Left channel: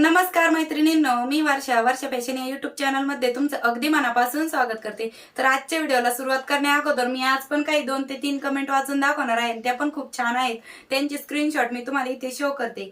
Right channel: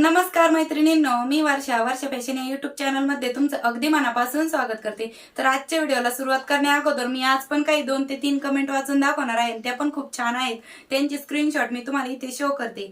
नमस्कार मैत्रिणींनो मी वर्षा. वर्षा फॅशन या युट्यूब चॅनलमध्ये तुमचं अगदी मनापासून स्वागत करते. तर आजच्या व्हिडिओला सुरुवात करण्या अगोदर मी आज पण काही दोन ते तीन कमेंट वाचून दाखवणार आहे त्या पण खूप छान आहेत. त्यांची स्क्रीनशॉट मी तुम्हाला इथे शो करते.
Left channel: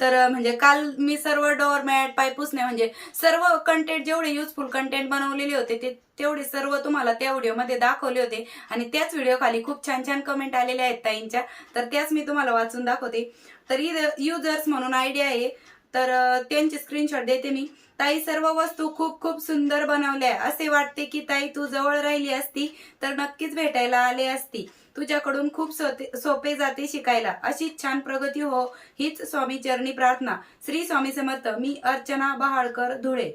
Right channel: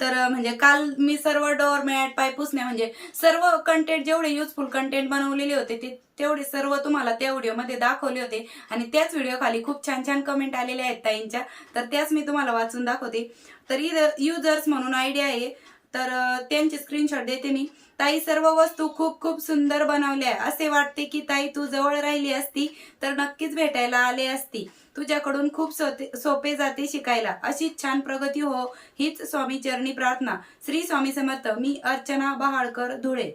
तर म्हणजे काल मी सर्व डोअरमॅट पाय पुसणे म्हणजे सर्व कंटेंट जेवढे युजफुल कंटेंट बनवलेले होते ते तेवढे सर्व तुम्हाला त्या व्हिडिओमध्ये दाखवले होते. आणि त्याच व्हिडिओ खाली खूप छान छान कमेंट आलेल्या आहेत ताईंच्या. तर त्याच मी तुम्हाला वाचून दाखवते. तर युजर्स म्हणून आयडिया आहे तर त्यांची त्यांचे स्क्रीनशॉट देते मी. ताई सर्व वस्तू खूप खूप सुंदर बनवल्या असे वाटते की ताई तू जवळ राहिली असती तर नक्कीच भेटायला आले असती. तुझ्याकडून खूप सोपे जाते शिकायला. अशीच छान प्रगती हो हीच स्वामी चरणी प्रार्थना. श्री स्वामी समर्थ. मी अर्चना बहाळकर धुळे.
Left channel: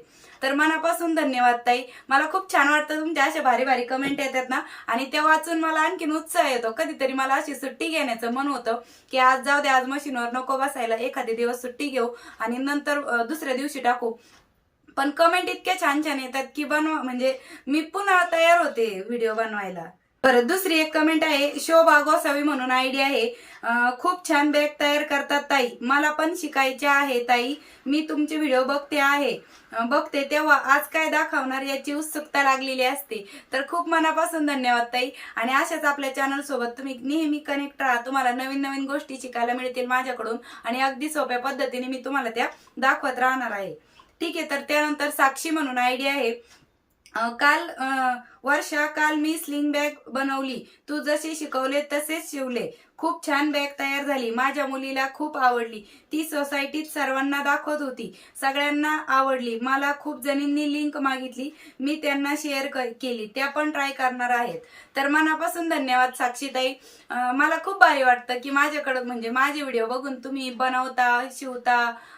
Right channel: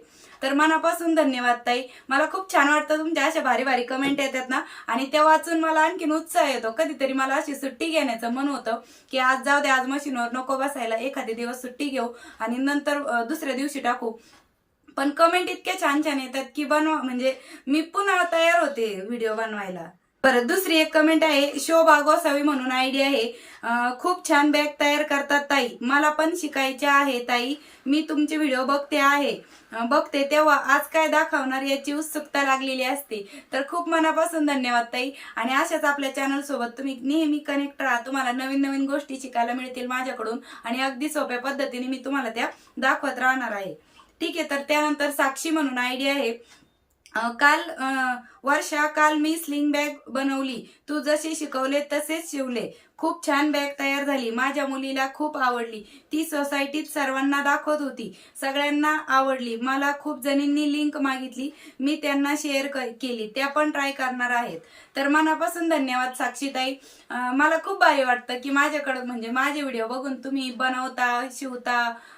तर मनापासून धन्यवाद ताई. मला खूप छान वाटतं तुमच्या अशा भारी भारी कमेंट येतात ना. आणि त्या वाचून मला आणखीन उत्साह येतो. कधीतरी मला अशी सुट्टी घेण्याचं मन होतं की आज जाऊ दे आज मशीनवर नको बसायला. एखादे दिवस सुट्टी घेऊ आणि नंतर दुसऱ्या दिवशी टाकू. पण कमेंट इतक्या छान छान येतात की बनवा म्हणजे मी पुन्हा तयार होते व्हिडिओ बनवायला. परत दुसरी एक कमेंट आहे शोभा गोसावी म्हणून आयडिया आहे. खूप छान बॅग तयार करतात ताई. मला पण शिकायचे आहे ताई. मी तुमचे व्हिडिओ बघते आहे. बघते तेव्हा आज काय दाखवणार याची उत्सुकता लागलेली असते. तर खूप मनापासून धन्यवाद ताई. आणि अशाच आपल्या चॅनल सोबत तुम्ही नेहमी कनेक्ट राहा. तुम्हाला नवीन नवीन गोष्टी शिकायला मिळतील माझ्याकडून. आणि अगदी सोप्या पद्धतीने मी तुम्हाला त्या दाखवत राहणार आहे. ठीक आहे तर त्यानंतर साक्षी म्हणून आयडिया आहे. काल वर्षा काल मी स्लिंग बॅग बनवली. तू जसे शिकवले तसेच शिवले. खूप छान बॅग तयार झाली. माझ्या मुलीला खूप आवडली. ती सोसायटीत सर्वांना दाखवत होती. सगळ्यांना आवडली. मला खूप जणींनी लिंक मागितली. मी त्यांना शेअर केली. त्या पण ट्राय करणार आहेत. तर मनापासून धन्यवाद साक्षीताई. मला खूप भारी वाटतं की माझ्याकडं म्हणजे माझे व्हिडिओ बघून तुम्ही बनवता शिवता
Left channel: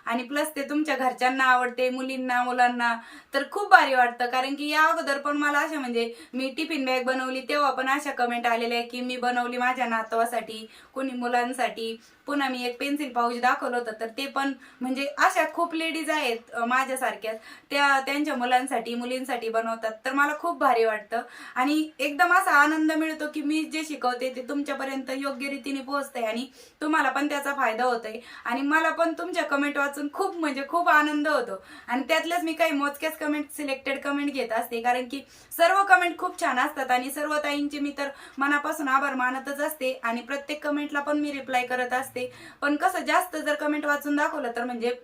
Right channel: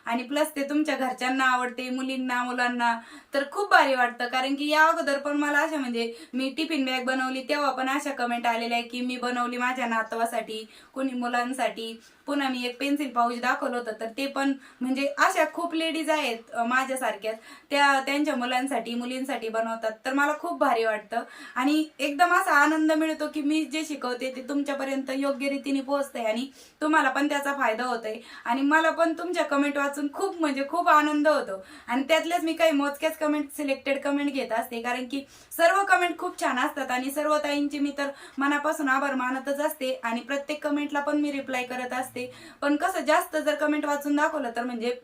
आणि प्लस ते तुमच्या घरच्यांना आवडते मुलींना मुलांना. तर खूप भारी वाटतं. कारण की या अगोदर पण मला अशा म्हणजे मी टिफिन बॅग बनवली. तेव्हा पण अशा कमेंट आलेल्या आहे की मी बनवली माझ्या नातवासाठी. कोणी मुलांसाठी पुन्हा मी एक पेन्सिल पाऊच दाखवलं होतं. तर ते पण म्हणजे अशा खूप लेडीज आहेत माझ्यासारख्याच त्या त्यांच्या मुलांसाठी मुलींसाठी बनवतात. तर मला खूप भारी वाटतं. आणि एकदम असा आनंद मिळतो की मी जे शिकवते ते तुमच्यापर्यंत योग्य रीतीने पोहोचते आणि तुम्हाला पण त्याचा फायदा होतोय. आणि मला पण तुमच्या कमेंट वाचून खूप म्हणजे खूप आनंद होतो. आणि त्यातल्याच मी काही मोजक्याच कमेंट सिलेक्टेड कमेंट घेत असते. कारण की सर्व कमेंट खूप छान असतात आणि सर्व ताईंचे मी तर मनापासून आभार मानतच असते. आणि प्रत्येक कमेंटला पण मी रिप्लाय करत असते. पण कसं जास्त जर कमेंट वाचून दाखवलं तर म्हणजे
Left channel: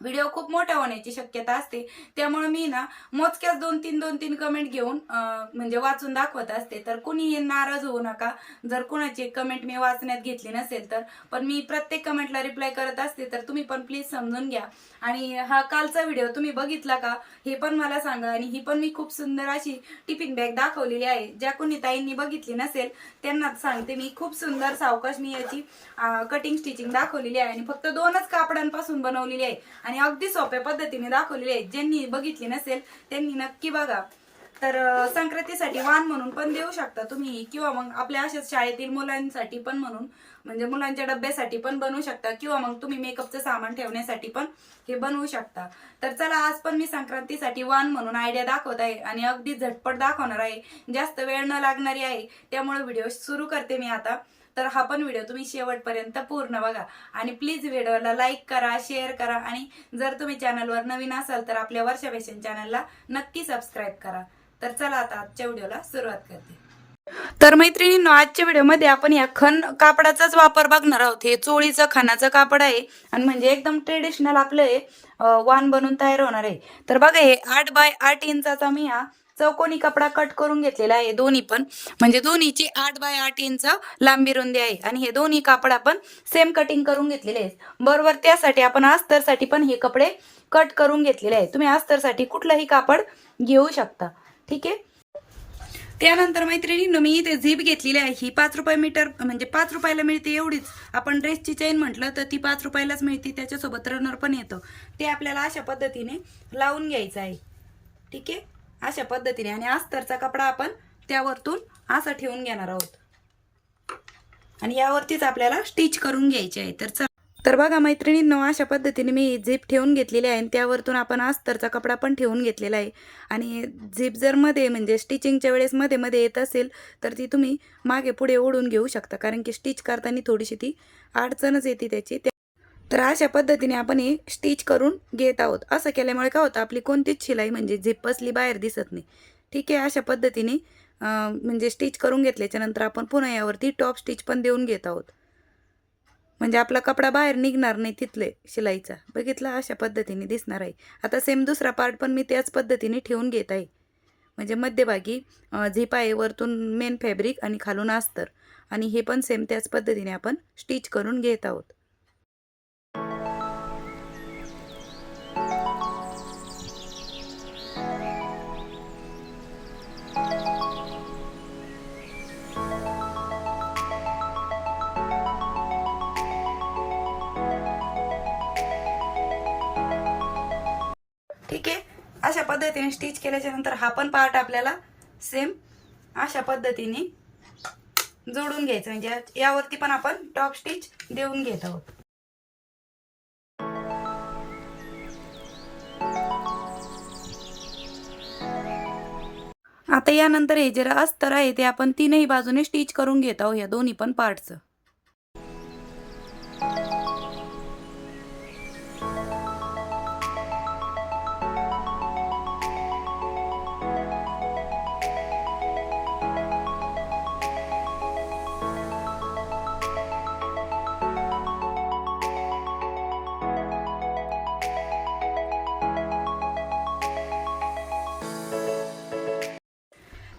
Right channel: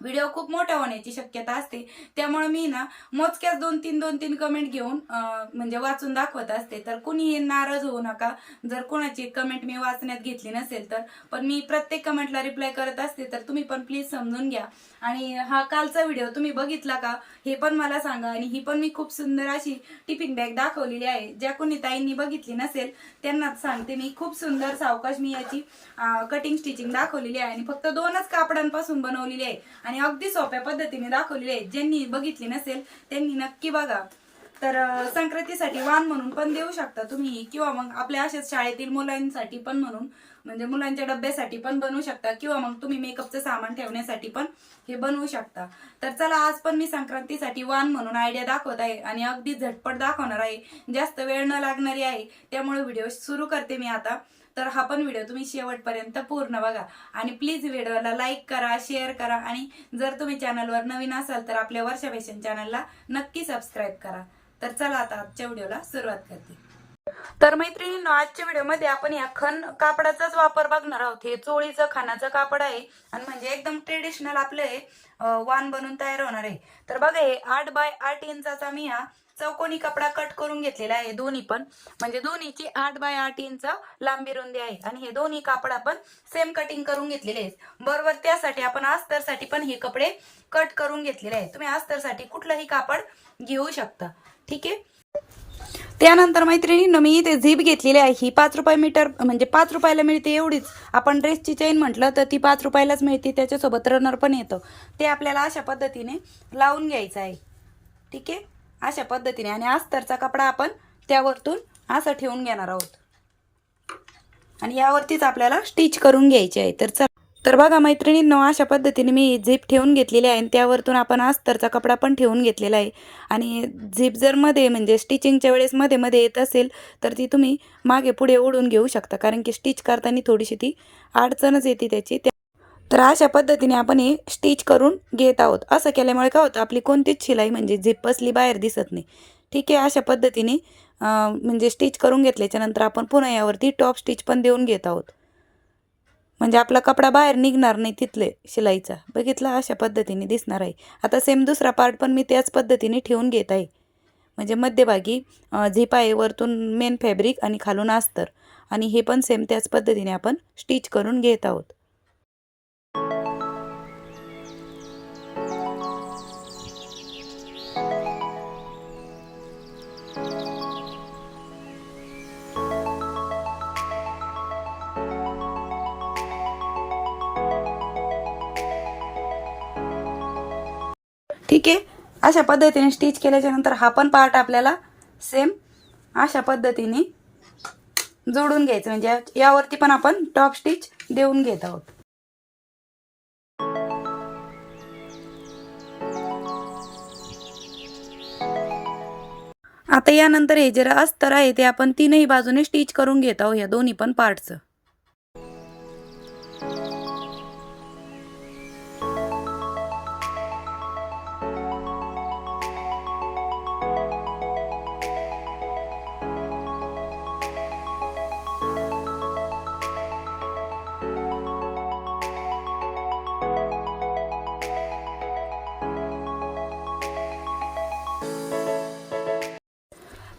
व्हिडिओ खूप मोठा होण्याची शक्यता असते. त्यामुळे मी ना मोजक्याच दोन तीन दोन तीन कमेंट घेऊन म्हणजे वाचून दाखवत असते. तर कुणीही नाराज होऊ नका. जर कुणाची कमेंट मी वाचण्यात घेतली नसेल तर. पण मी प्रत्येक कमेंटला रिप्लाय करत असते तर तुम्ही पण प्लीज समजून घ्या. आणि हा कालचा व्हिडिओ तुम्ही बघितला का? हे पण मला सांगा. आणि ही पण मी खूप सुंदर अशी टिफिन बॅग दाखवलेली आहे. ज्या कोणी ताईंनी बघितली नसेल त्यांना सांगते मी. खूप सुंदर सावकाश मी याची कटिंग स्टिचिंग दाखवलेली आहे. आणि फक्त दोनच कापडांपासून बनवलेली आहे. आणि अगदी सोप्या पद्धतीने दाखवलेली आहे. ज्यांनी बघितली नसेल त्यांनी नक्की बघा. तर संक्रांतीसाठी वाण म्हणून पण देऊ शकता तुम्ही किंवा मग आपल्या अशाच शाळेतील मुलांसाठी पण म्हणून म्हणजे मुलांच्या डब्यासाठी पण बनवू शकता किंवा मग तुम्ही मेकअपचं सामान ठेवण्यासाठी पण हे बनवू शकता. तर चला आज पण मी संक्रांतीसाठी वान म्हणून आयडिया दाखवत आहे आणि अगदी झटपट दाखवणार आहे. जास्त वेळ न लागणारी आहे. त्यामुळे व्हिडिओ सुरू करते मी आता. तर हा पण व्हिडिओ तुम्ही शेवटपर्यंत पूर्ण बघा. आणि प्लीज व्हिडिओला लाईक करा शेअर करा. आणि जर तुम्ही चॅनलवर नवीन असाल तर आपल्या वर्षा फॅशन चॅनलला नक्की सबस्क्राईब करा. तर चला आता आजच्या व्हिडिओला सुरुवात करते. तर मैत्रिणींनो आजच्या व्हिडिओमध्ये आपण या खण कापडाचाच वापर बघणार आहोत. हे चोळीचं खणाचं कापड आहे आणि म्हणजे एकदम ट्रेडिशनल आपलं हे वान वाण बनून तयार होणार आहे. तर बघा हे आठ बाय आठ इंचाचा मी हा चौकोनी कपडा कट करून घेतलेला आहे. दोन्ही पण म्हणजे दोन्हीची आठ बाय आठ इंच लांबी रुंदी आहे. आणि हे दोन्ही कापड आपण सेम कटिंग करून घेतलेले आहेत. बरोबर त्यासाठी आपण अस्तरसाठी पण हे कपडे कट करून घेतलेले आहे तुम्ही अस्तरसाठी कुठलंही कापड घेऊ शकता. ठीक आहे? त्यानंतर मैत्रिणींनो मी इथे झीप घेतलेली आहे. ही पाच रुपये मीटर म्हणजे पाच रुपयाला मिळते एवढीच. आपण ड्रेसची चेन म्हटलं तर ती पाच रुपयालाच मिळते. त्याच्यासोबत रनर पण येतं. ते आपल्याला अशा पद्धतीने लावून घ्यायचं आहे. ठीक आहे? अशा पद्धतीने. आणि अस्तरचा कपडा आपण त्यावरतून असं ठेवून घेणार आहोत. आणि यावरतीच आपल्याला स्टिच करून घ्यायची आहे. तर चल. तर बघा मैत्रिणींनो अशा पद्धतीने मी झीप ठेवून घेतलेली आहे आणि त्यावरतून आपण अस्तरचा कपडा पण ठेवून घेतलेला आहे. आणि झीप जर मध्ये म्हणजे स्टिचिंगच्या वेळेस मध्ये मध्ये येत असेल तर ती तुम्ही मागे पुढे ओढून घेऊ शकता. कारण की स्टिच करताना थोडीशी ती अडचणच येते त्याची. तर अशा पद्धतीने आपण हे स्टिच करून घेत आहोत. असं केल्यामुळे काय होतं आपली कोणतीच शिलाई म्हणजे झिप बसली बाहेर दिसत नाही. ठीक आहे अशा पद्धतीने म्हणजे स्टिच करून घेतल्याच्यानंतर आपण पुन्हा यावरती टॉप स्टिच पण देऊन घेत आहोत. म्हणजे आपला कपडा बाहेर निघणार नाही तिथले शिलाईचा. बघितला अशा पद्धतीने दिसणार आहे. आता सेम दुसरा पार्ट पण मी त्याच पद्धतीने ठेवून घेत आहे. म्हणजे मध्यभागी अं, झिप आहे वरतून मेन फॅब्रिक आणि खालून अस्तर. आणि हे पण सेम त्याच पद्धतीने आपण स्टिच करून घेत आहोत. ठीक आहे? अशा पद्धतीने स्टिच केल्याच्यानंतर हा पण पार्ट आपल्याला सेम अशा पद्धतीने जोडून घ्यायचं. म्हणजे यावरती पण आपण टॉप स्टिच देऊन घेत आहोत. आता यानंतर हे जे अस्तर आहे ते आपण तीनही बाजूने स्टिच करून घेत आहोत या दोन्ही पण पार्टचं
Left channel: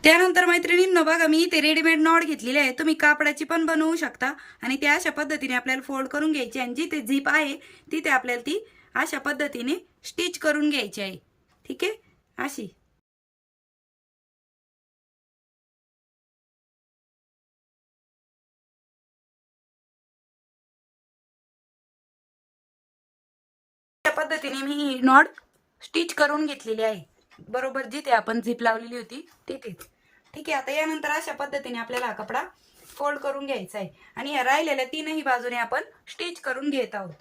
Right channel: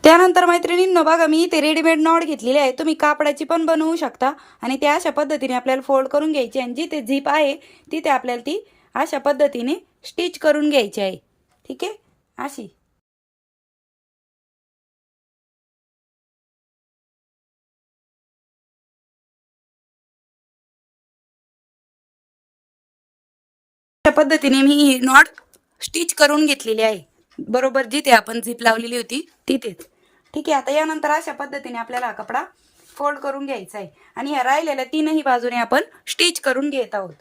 त्यानंतर मैत्रिणींनो बघा मी इथे रेडीमेड नॉट घेतलेली आहे. तुम्ही कापडाची पण बनवू शकता. आणि त्या अशा पद्धतीने आपल्याला फोल्ड करून घ्यायची आणि जिथे झीप आहे तिथे आपल्याला ती अशा पद्धतीने स्टिच करून घ्यायची आहे. ठीक आहे? अशी. अशा पद्धतीने मी ही नॉट स्टिच करून घेतलेली आहे. बरोबर जिथे आपण झीप लावलेली होती तिथेच ठीक आहे आता यानंतर अशा पद्धतीने आपल्याला हा कपडा फोल्ड करून घ्यायचा आहे. आणि ह्या राहिलेल्या तीनही बाजूने आपण स्टिच करून घेत आहोत.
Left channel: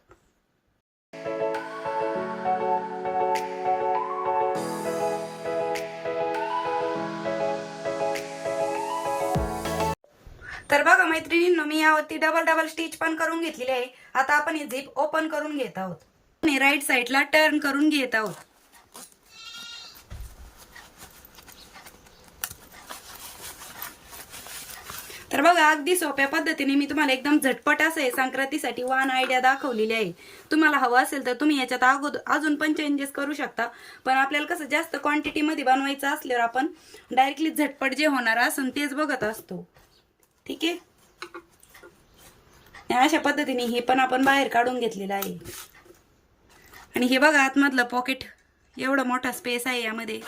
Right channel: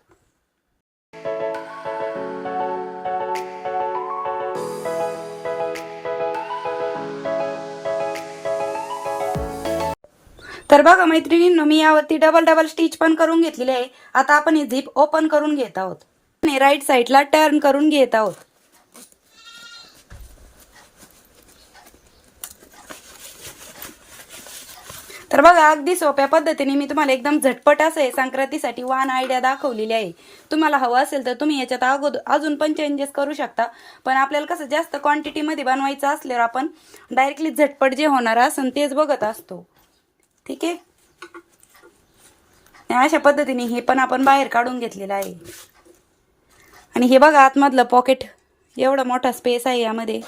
तर बघा मैत्रिणींनो मी यावरती डबल डबल स्टिच पण करून घेतलेली आहे. आता आपण ही झिप ओपन करून घेत आहोत. आणि राईट साईडला टर्न करून घेत आहोत. तर बघा अगदी सोप्या पद्धतीने मी तुम्हाला एकदम झटपट असं आहे संक्रांतीसाठी वान आयडिया दाखवलेली आहे. तुम्हाला हवं असेल तर तुम्ही याच्यात अगोदर अजून पण चेंजेस करू शकता. पण आपल्याला कसं जास्त क्वांटिटीमध्ये बनवायचं असल्यावर आपण डायरेक्टली झटपट जे होणार असन तेच बघत असतो. ठीक आहे? अशा पद्धतीने हे पण आपण बाहेर काढून घेतलेलं आहे. आणि हे बघा आतमधलं पॉकेट एवढा मोठा स्पेस आहे यामध्ये.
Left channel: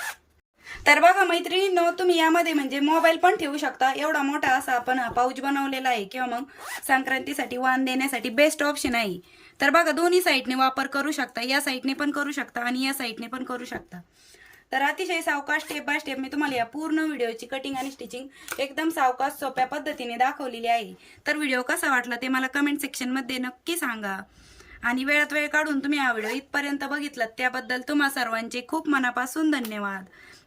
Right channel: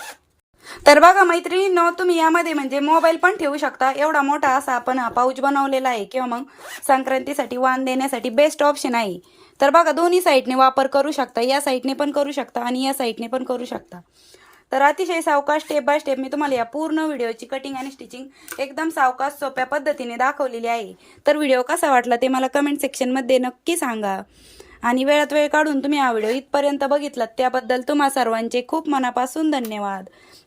तर बघा मैत्रिणींनो तुम्ही यामध्ये म्हणजे मोबाईल पण ठेवू शकता. एवढा मोठा असा आपण हा पाऊच बनवलेला आहे किंवा मग संक्रांतीसाठी वाण देण्यासाठी बेस्ट ऑप्शन आहे. तर बघा दोन्ही साईडने वापर करू शकता. या साईडने पण करू शकता आणि या साईडने पण करू शकता. तर अतिशय सावकाश स्टेप बाय स्टेप मी तुम्हाला या पूर्ण व्हिडिओची कटिंग आणि स्टिचिंग एकदम सावकाश सोप्या पद्धतीने दाखवलेली आहे. तर व्हिडिओ कसा वाटला ते मला कमेंट सेक्शनमध्ये नक्की सांगा. आणि वेळात वेळ काढून तुम्ही हा व्हिडिओ इथपर्यंत बघितलात त्याबद्दल तुम्हा सर्वांचे खूप मनापासून धन्यवाद.